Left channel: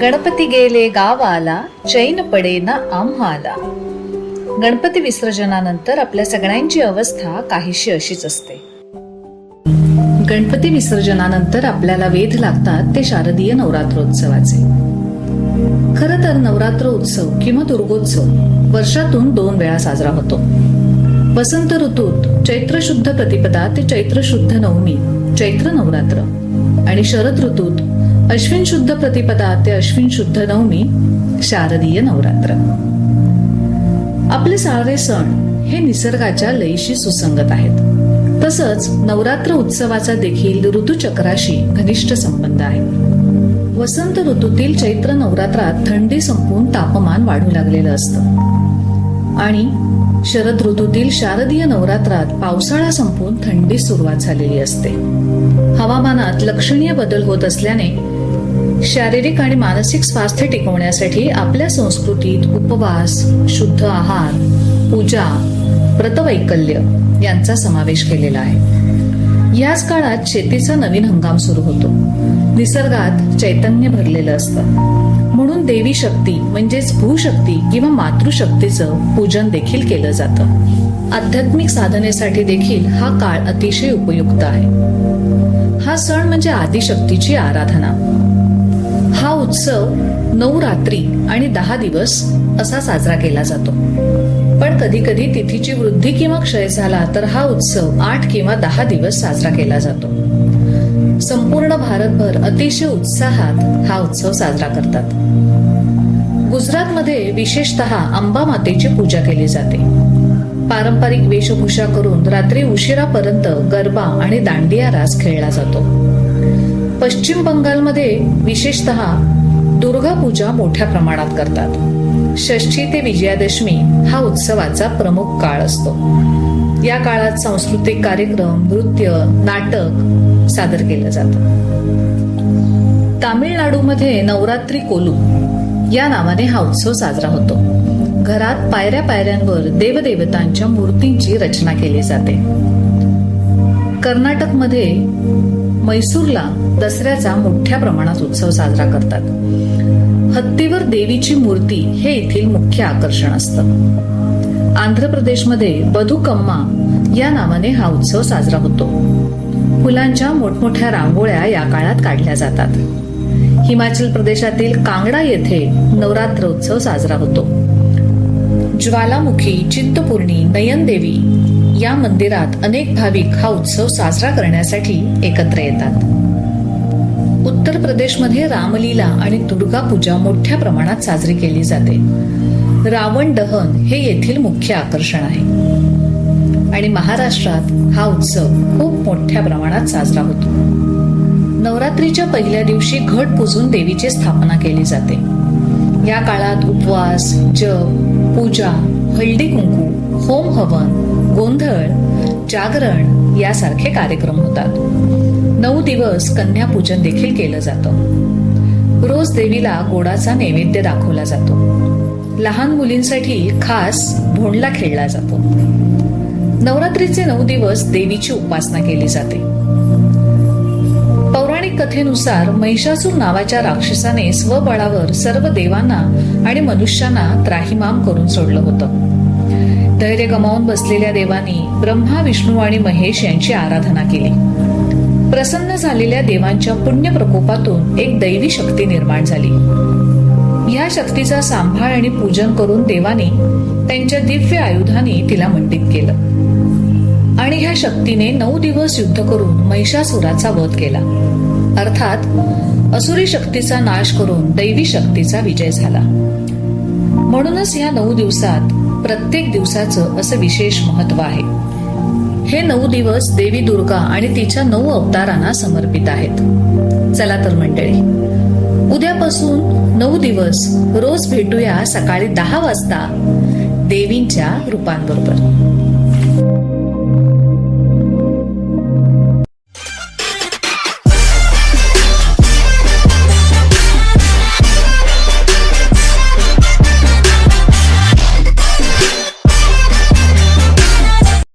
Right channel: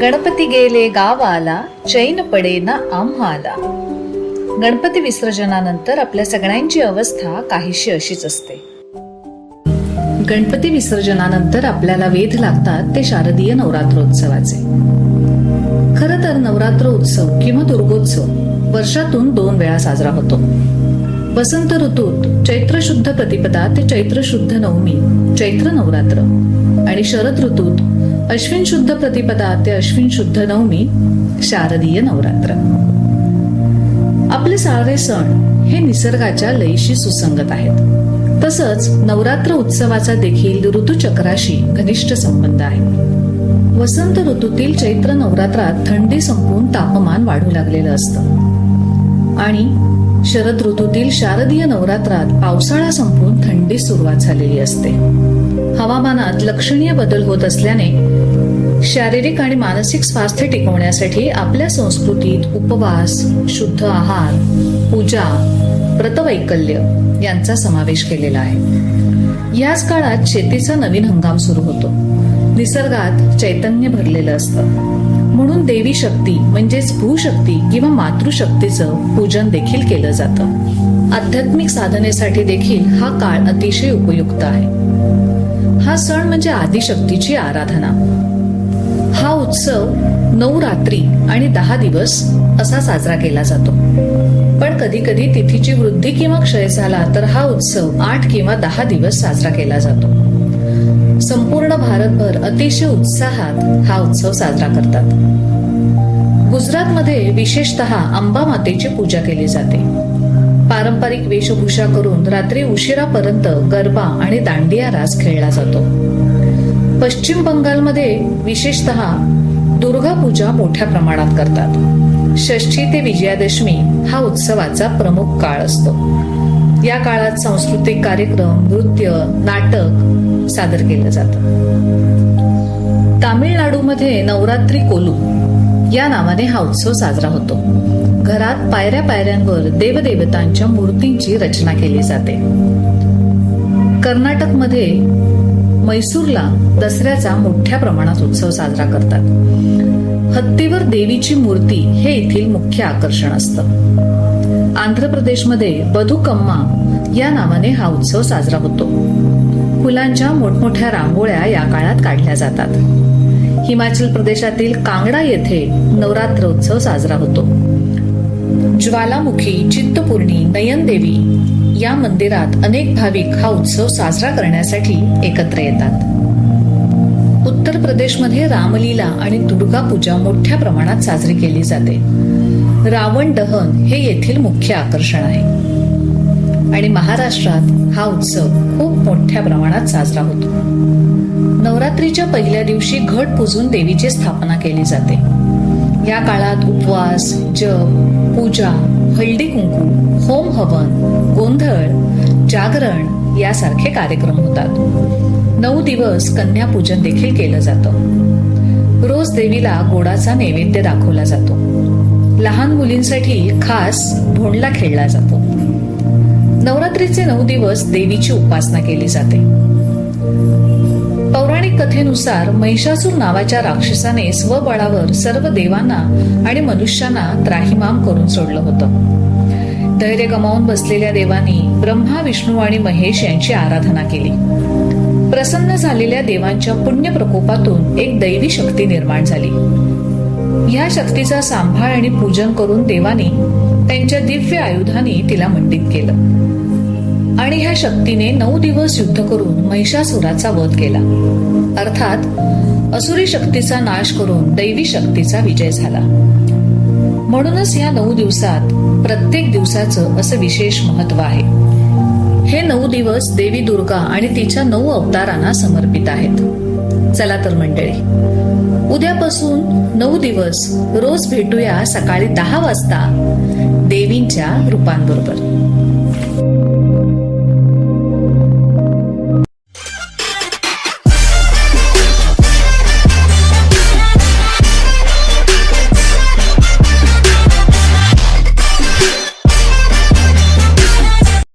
गणपती गेले गावाला, चैन पडेना आम्हाला. गणपती विसर्जनानंतर आपल्या सगळ्यांची अवस्था काहीशी अशीच असते. गणपती विसर्जनानंतर आपल्याला वेध लागतात ते शारदीय नवरात्रोत्सवाचे. खरं तर नवरात्र उत्सव किंवा दुर्गोत्सव वर्षातून 2 वेळा साजरा होतो. वसंत ऋतूत चैत्र शुद्ध प्रतिपदा ते चैत्र शुद्ध नवमी चैत्र नवरात्र आणि शरद ऋतूत अश्विन शुद्ध प्रतिपदा ते अश्विन शुद्ध नवमी शारदीय नवरात्र. आपले सारे सण हे निसर्गाच्या लयीशी सुसंगत आहेत. तसंच नवरात्र उत्सवाचा देखील ऋतुचक्राशी घनिष्ठ संबंध आहे. वसंत ऋतूतील चैत्र नवरात्रात थंडी संपून तापमान वाढू लागलेलं असतं आणि शरद ऋतूतील शारदीय नवरात्रात पावसाळा संपून थंडी सुरुवात झालेली असते. हवामानात लक्षणीय बदल होत असल्याने शारीरिक आणि मानसिक स्वास्थ्य टिकवण्यासाठी आपल्या संस्कृतीत उपवास, शुद्ध आहार, पूजा, व्रतवैकल्य यांचा समावेश केलेला आहे. याच काळात शेतीचा नवीन हंगाम सुरू होतो. निसर्गात चैतन्य भरलेलं असतं. म्हणून देवी शक्ती म्हणजेच भूशक्ती किंवा मातृशक्तीचं पूजन देखील केलं जातं. आध्यात्मिक साधनेसाठी देखील हा काळ अतिशय उपयुक्त आहे. हा सण म्हणजे आदिशक्तीची आराधना. हा उत्सव 9 रात्री आणि 10 दिवस असा साजरा केला जातो. पण कधी कधी तिथीची वृद्धी किंवा क्षय झाला तर हा उत्सव 8 किंवा 10 दिवस साजरा केला जातो. संपूर्ण भारतभर अतिशय उत्साहात हा उत्सव साजरा करतात. गुजरातमध्ये विशेषतः अंबा मातेची पूजा केली जाते. पारंपरिक वेशभूषा करून रात्री उशिरापर्यंत गरबा आणि दांडिया रास खेळला जातो. पश्चिम बंगालमध्ये विशेषतः दुर्गा पूजा मोठ्या प्रमाणात करतात. षष्ठी ते विजयादशमी हा उत्सवाचा प्रमुख काळ असतो. या काळात सांस्कृतिक कार्यक्रम, नृत्य, नाटक सादर केलं जातं. तामिळनाडूमध्ये नवरात्री कोलू या नावाने हा उत्सव साजरा होतो. घरात पायऱ्या पायऱ्यांवर देवदेवतांच्या मूर्तींची रचना केली जाते. कर्नाटकमध्ये मैसूरला दसऱ्याचा मोठ्या प्रमाणात उत्सव साजरा करतात. हत्तीवर देवीची मूर्ती हे येथील मुख्य आकर्षण असतं. आंध्र प्रदेशमध्ये बधुकम्मा या नावाने हा उत्सव साजरा होतो. फुलांच्या मोठमोठ्या रांगोळ्या या काळात काढल्या जातात. हिमाचल प्रदेशातील कांगडा येथे नवरात्र उत्सव साजरा होतो. ज्वालामुखी, चिंतपूर्णी, नयनदेवी या मंदिरात अनेक भाविक हा उत्सव साजरा करण्यासाठी एकत्र येतात. उत्तर प्रदेशमध्ये रामलीला आणि दुर्गा पूजा मोठ्या प्रमाणात साजरी केली जाते. रावण दहन हे येथील मुख्य आकर्षण आहे. आणि महाराष्ट्रात हा उत्सव खूप मोठ्या प्रमाणात साजरा होतो. नवरात्रीच्या पहिल्या दिवशी घट पुजून देवीची स्थापना केली जाते. या काळात उपवास, जप, पूजा, हळदी कुंकू, होम हवन, गोंधळ, जागरण यासारखे कार्यक्रम होतात. 9 दिवस कन्यापूजन देखील केलं जातं. रोज देवीला गोडाचा नैवेद्य दाखवला जातो. लहान मुलींसाठी खास भोंडला खेळला जातो. नवरात्रीचे 9 दिवस देवीची उपासना केली जाते. पौराणिक कथेनुसार महिषासूर नावाच्या राक्षसाने स्वबळावर सर्व देवांना आणि मनुष्यांना त्राहिमाम करून सोडलं होतं. धैर्य गमावून बसलेल्या देवांनी ब्रह्मा, विष्णू आणि महेश यांची आराधना केली. प्रसन्न झालेल्या देवांच्या पुण्य प्रकोपातून एक दैवी शक्ती निर्माण झाली. या शक्तीचा सांभाळ आणि पूजन करून देवांनी त्यांच्या दिव्य आयुधांनी तिला मंडित केलं आणि ह्या शक्तीने 9 दिवस युद्ध करून महिषासुराचा वध केला. अर्थात असुरी शक्तीचा नाश करून दैवी शक्तीचा विजय झाला. म्हणूनच या 9 दिवसात प्रत्येक दिवसाचं असं विशेष महत्व आहे. हे 9 दिवस देवी दुर्गा आणि तिच्या 9 अवतारांना समर्पित आहेत. चला तर मंडळी, उद्यापासून 9 दिवस रोज भेटूया सकाळी 10 वाजता देवींच्या रूपांबरोबर.